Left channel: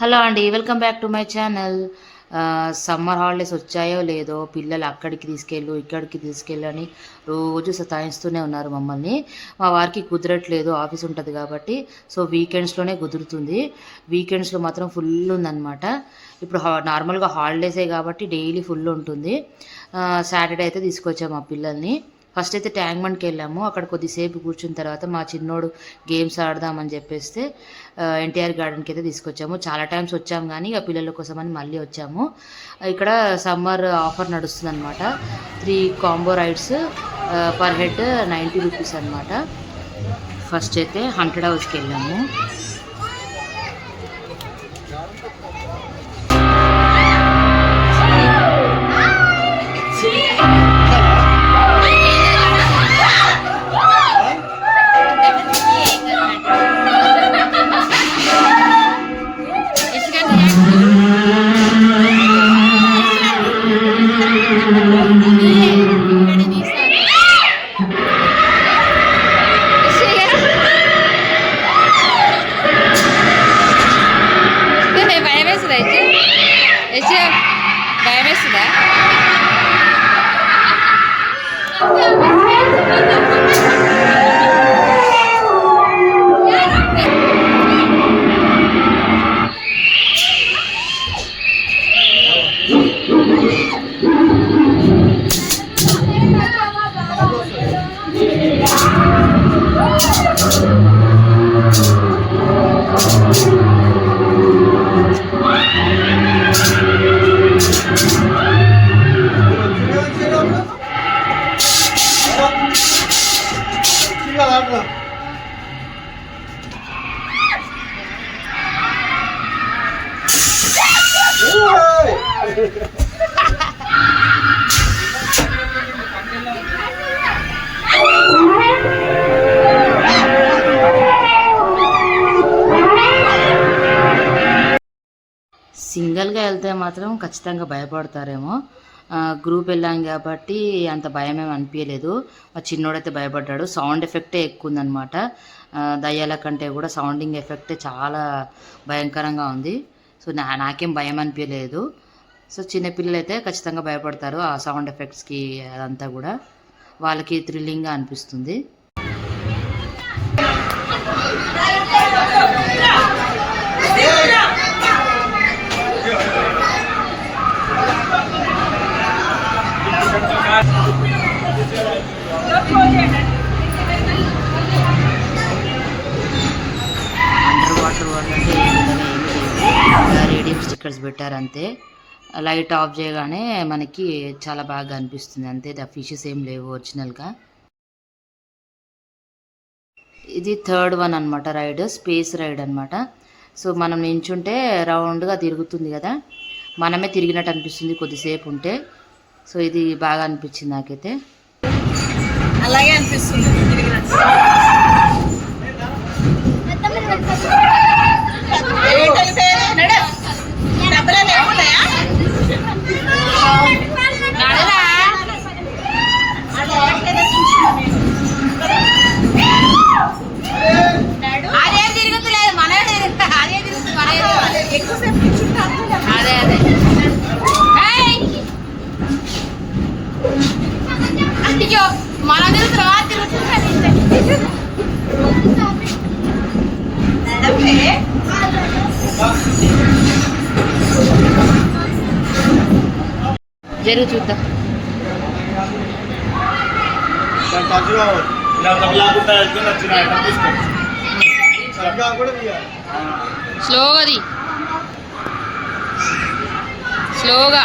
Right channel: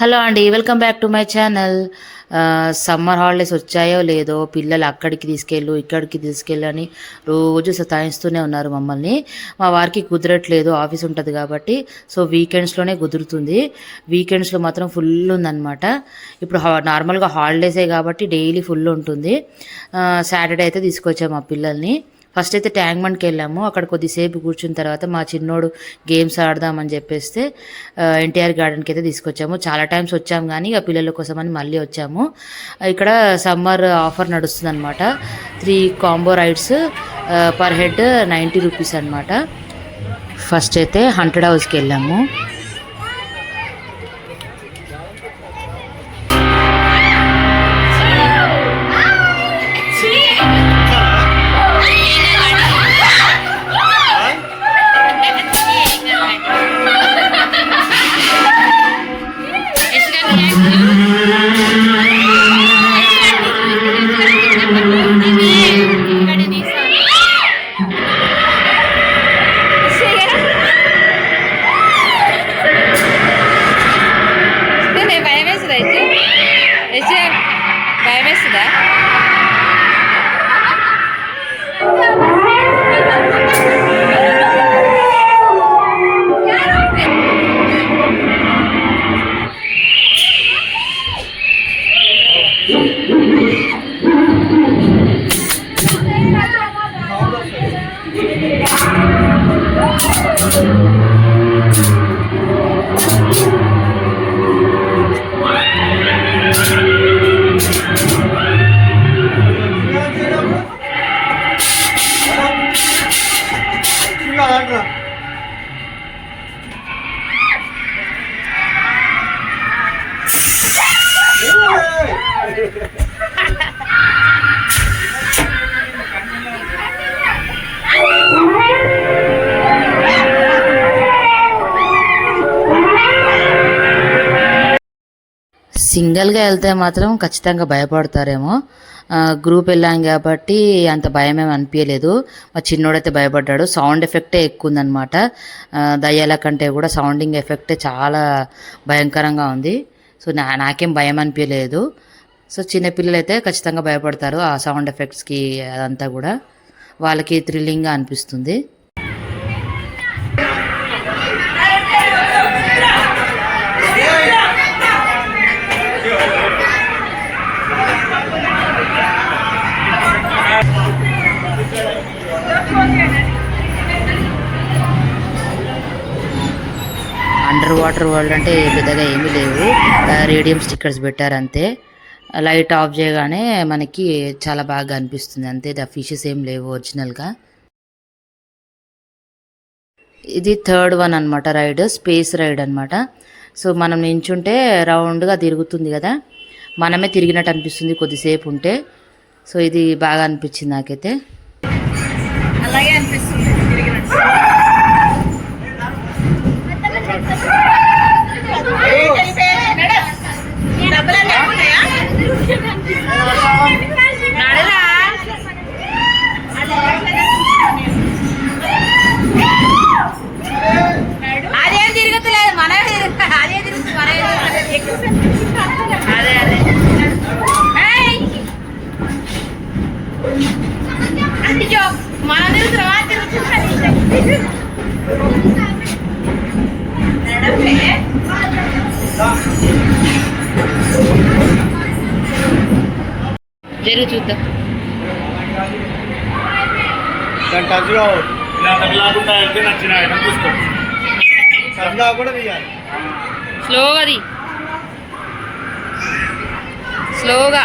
Hello అండి, welcome back to my channel. Summer holidays వచ్చాయో లేదో పిల్లలు అక్కడికి తీసుకెళ్ళు ఇక్కడికి తీసుకెళ్ళు అని రోజు సతాయిస్తూనే ఉన్నారు మమ్మల్ని. మా వారికి కుదరట్లేదు, ఆఫీస్ ఉంటుంది కాబట్టి. సో వీకెండ్స్లోనే కుదురుతుంది. వీకెండ్స్లో మాత్రం ఫుల్ ఉందన్నమాట. ఇప్పుడు నార్మల్గా హాలిడేసే కాబట్టి డైలీ ఫుల్ ఉంటుంది. సాటర్డే అయితే తీసుకొచ్చాము మా పిల్లల్ని. ఫస్ట్ అయితే ట్యాంక్ బండ్కి వెళ్ళాము. అక్కడ కొద్దిసేపు కూర్చున్న తర్వాత మా చిన్నోడు గేమ్స్ ఆడదామని చెప్పేస్తే ఎన్టీఆర్ గార్డెన్కి అయితే తీసుకొచ్చాము. చాలా టైమ్స్ వచ్చాము కానీ ఇక పిల్లల కోసం అని మళ్ళీ వచ్చాము. ఇక్కడ సమ్మర్ ఆఫర్ నడుస్తుంది అనమాట. 3 combo rides per head 90 rupees అనమాట. ఫస్ట్ అయితే హంటెడ్ హౌస్కి వెళ్ళాము. భయం వేస్తుందా? సింగిల్గా వెళ్తే మాత్రం ఖచ్చితంగా భయపడతారేమో. గ్రూప్ వెళ్ళాం కాబట్టి అంత భయం ఏమి అనిపించలేదు. మా చిన్నోడైతే భయపడ్డాడు. సౌండ్ ఎఫెక్టే ఎక్కువ ఉందన్నమాట. దయ్యాల కంటే కూడా సౌండింగ్ ఎఫెక్టే చాలా భయంకరంగా ఉంది. సో నాకేం భయం అనిపించలేదు. సో చిన్నపిల్లలు అయితే ఖచ్చితంగా భయపడతారు ఆ సౌండ్ ఎఫెక్ట్స్కి. అదంతా కూడా వాళ్ళకి థ్రిల్లింగ్గా అనిపిస్తుంది. అండర్ వాటర్ వరల్డ్ అంటే పెద్దగా ఏమీ లేవు. రేడియం స్టిక్కర్స్ పెట్టారు అంతే. లైట్ ఆఫ్ చేయగానే మనకి చాలా బాగా అనిపిస్తుంది అంతే. ఫిషెస్ ఏం లేవు ఒరిజినల్గా. ఇది థర్డ్ వన్ అనమాట రైడ్, స్పేస్ రైడ్ అనమాట. సో మనం నించుంటే రౌండ్గా తిరుగుతుంది కదా, మనమే తిరిగినట్టు అనిపిస్తుంది కొద్దిసేపు ఉంటే. సో ఇది బాగా అనిపించింది నాకైతే. అలాగే అనిపిస్తుంది. అదేం తిరుగుతలేదు, మనమే అదే తిరుగుతుంది. అదే అదే అయ్యో మనం తిరుగుతున్నా జరుగు చూద్దాం. స్లోగా స్లోగా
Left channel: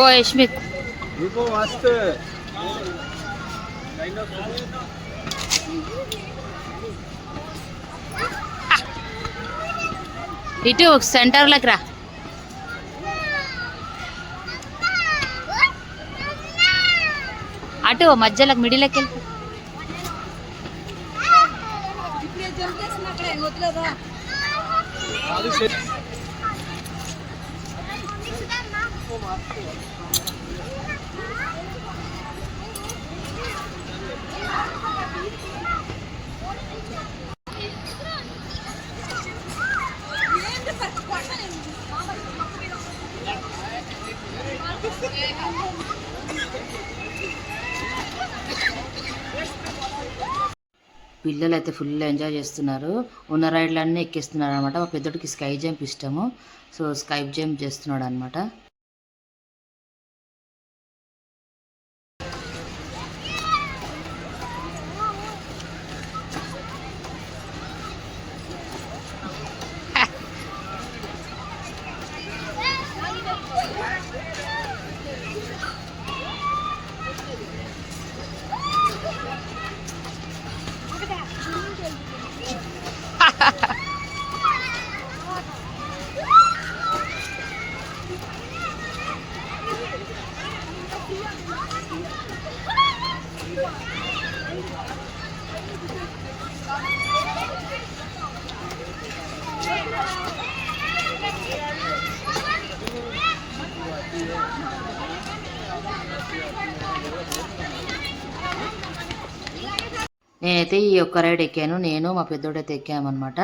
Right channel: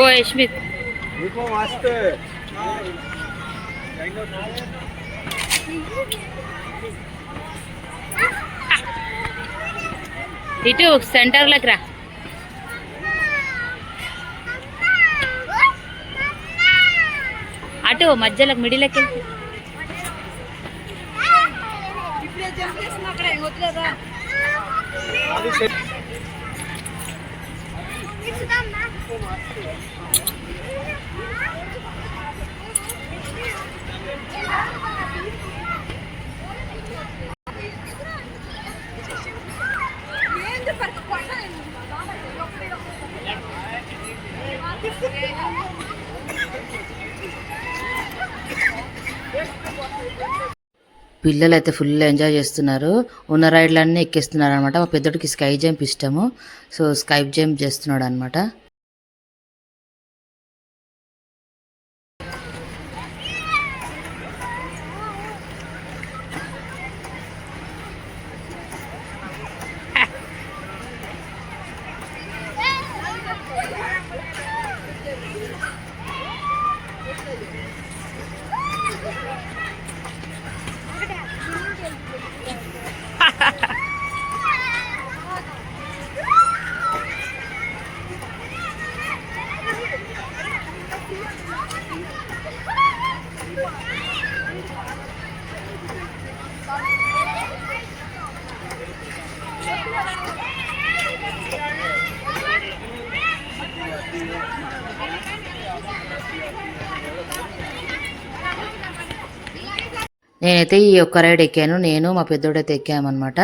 ఓ యశ్మిత్ ఇటు సెంటర్లోకి రా. అటు మధ్యలోకి మిడిల్కి వెళ్ళి పిల్లలు అయితే ఫుల్ ఎంజాయ్ చేస్తున్నారు. ఉన్న రైడ్లన్నీ ఎక్కిస్తున్నారు అనమాట. మా పెద్దోడికి స్కై జంప్ ఇష్టము, సో స్కై జంప్ చేస్తున్నాడు అనమాట. నేనైతే ఈ ఒక్క రైడ్ ఎక్కాను, నేను మా పెద్దోడైతే ఎక్కామన్నమాట.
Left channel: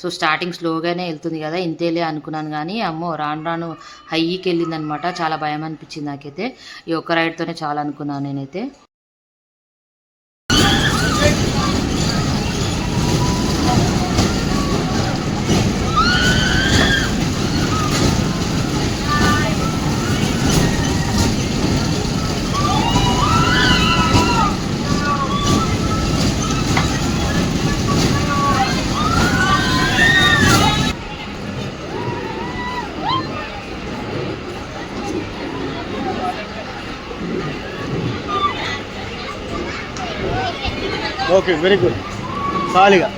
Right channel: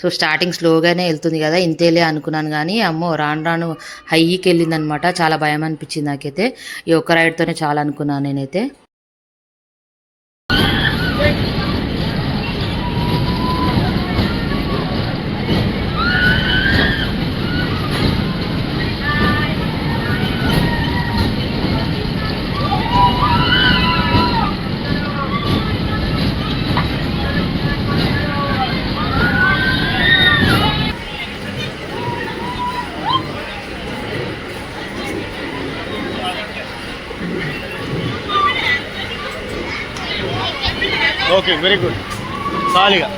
సో స్టార్టింగ్ స్లోగానే వెళ్తుంది కదా, ఇంతేలే అనుకున్నాను, కానీ అమ్మో రాను రాను హైకి వెళ్ళిందనమాట. చాలా భయం అనిపించింది నాకైతే. ఈ ఒక్క రైడ్తోనే చాలా అనుకున్నాను నేనైతే. Okay, very good. చాలుగా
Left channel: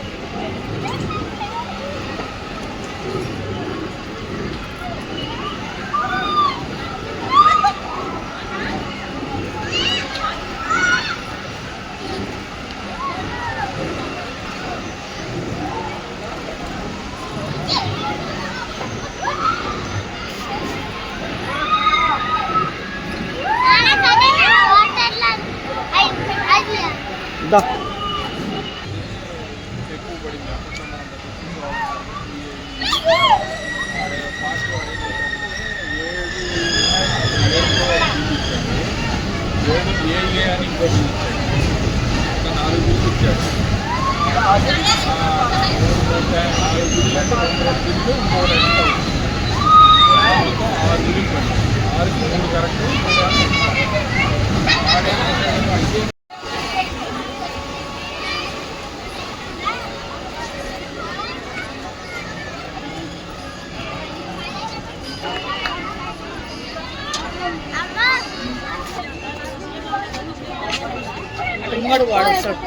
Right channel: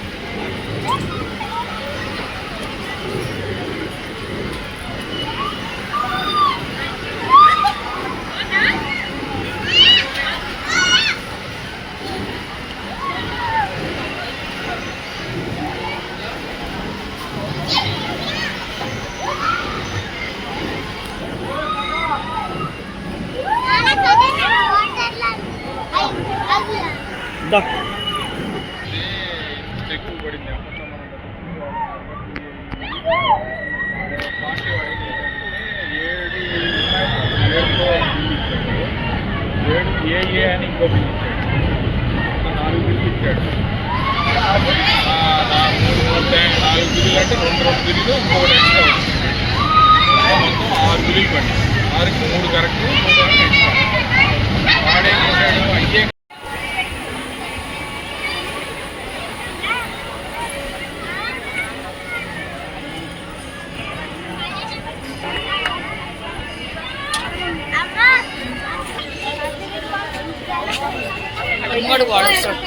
దా. ఏ అని ఇంకో బిల్ ఇచ్చాడు. 4 బిల్లు ఇచ్చాడు. 4 బిల్లు అంటే 2 బిల్లు ఇంకొకటి ఎక్స్ట్రా వచ్చింది. 6 బిల్లు పడింది. 6కి 3 కరెక్ట్, 3 ఎక్స్ట్రా. వాడేం చేశాడు, అయితే ఇంకోటి వాడేస్తాడు.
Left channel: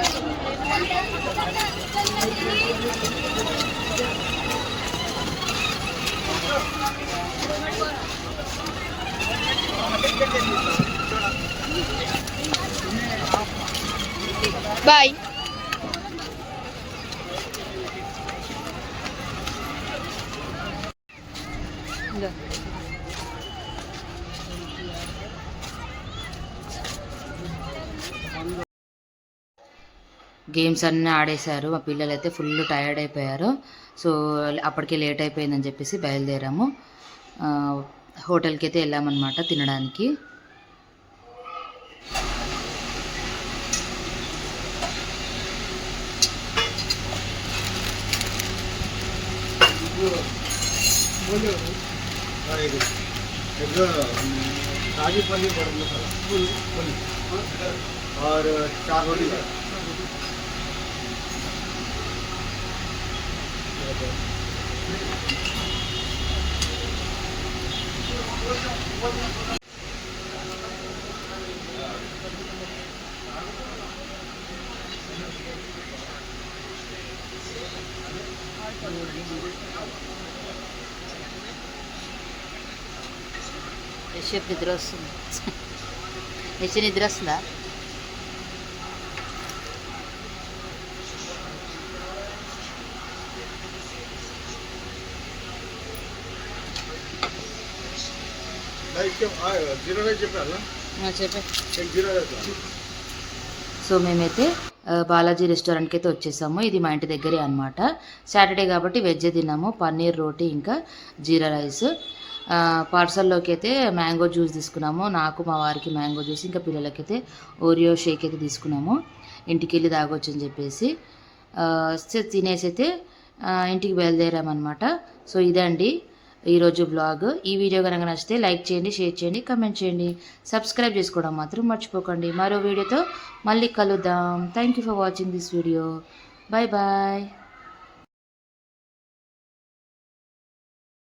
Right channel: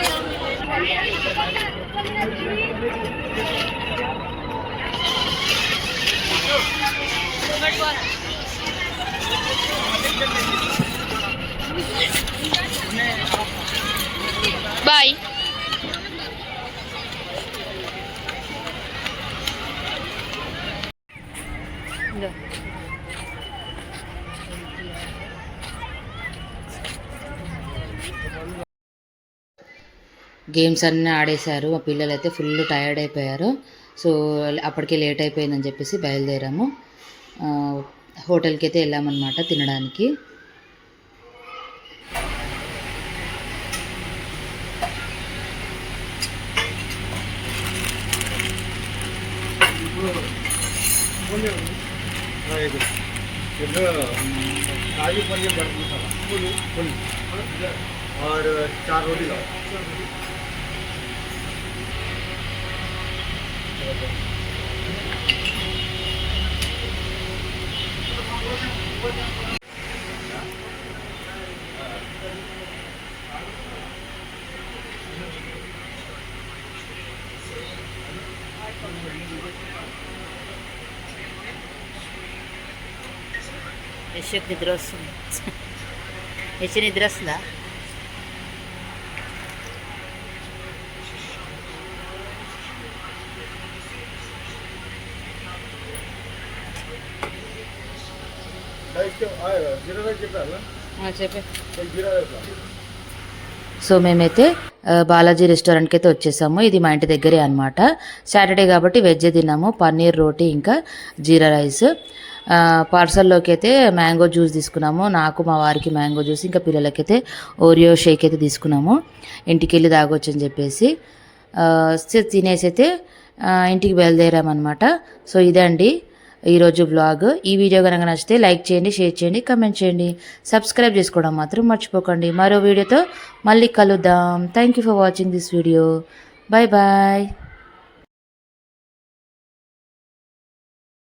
బాయ్. గేమ్స్ అన్నీ ఆడేశారు. మా పిల్లలు అయితే ఫుల్ టైర్డ్ అయిపోయారు. సో అప్పటికే లేట్ అయిపోయిందని చెప్పేసి బయలుదేరాము. హోటల్కి అయితే వెళ్ళామన్నమాట తినడానికి. काजू पनीर और 4 रोटी का యశ్వక్ నిద్ర వస్తుంది. యశ్వ నిద్ర వస్తుందా? జీరో రైస్ చెప్పారా చెప్పే జీరో రైస్ సో మేమైతే బాలాజీ రెస్టారెంట్కి అయితే వచ్చేసాము. ఇది మా ఇంటి దగ్గరే అనమాట. సాటర్డే కాబట్టి వెజ్ తిన్నాము, పన్నీర్ రోటీ ఇంకా జీరా రైస్. పార్సల్లోకి అయితే మ్యాంగో జ్యూస్ తీసుకున్నాము. నాకు మా వారికి మ్యాంగో జ్యూస్, ఇంకా పిల్లలకైతే ఓరియో షేక్ అయితే తీసుకున్నాము. ఇంటికి వెళ్ళి తాగొచ్చు అని చెప్పేసి తినేసి అయితే ఇంటికి బయలుదేరామన్నమాట. సో ఇదే అండి ఈరోజు బ్లాగ్. ఈ వీడియో కనుక నచ్చితే లైక్ చేయండి, షేర్ చేయండి, కమెంట్ చేయండి, సబ్స్క్రైబ్ చేసుకోవడం మాత్రం మర్చిపోకండి. మరో వీడియోతో మళ్ళీ కలుద్దాం. Thank you for watching this video. Bye bye.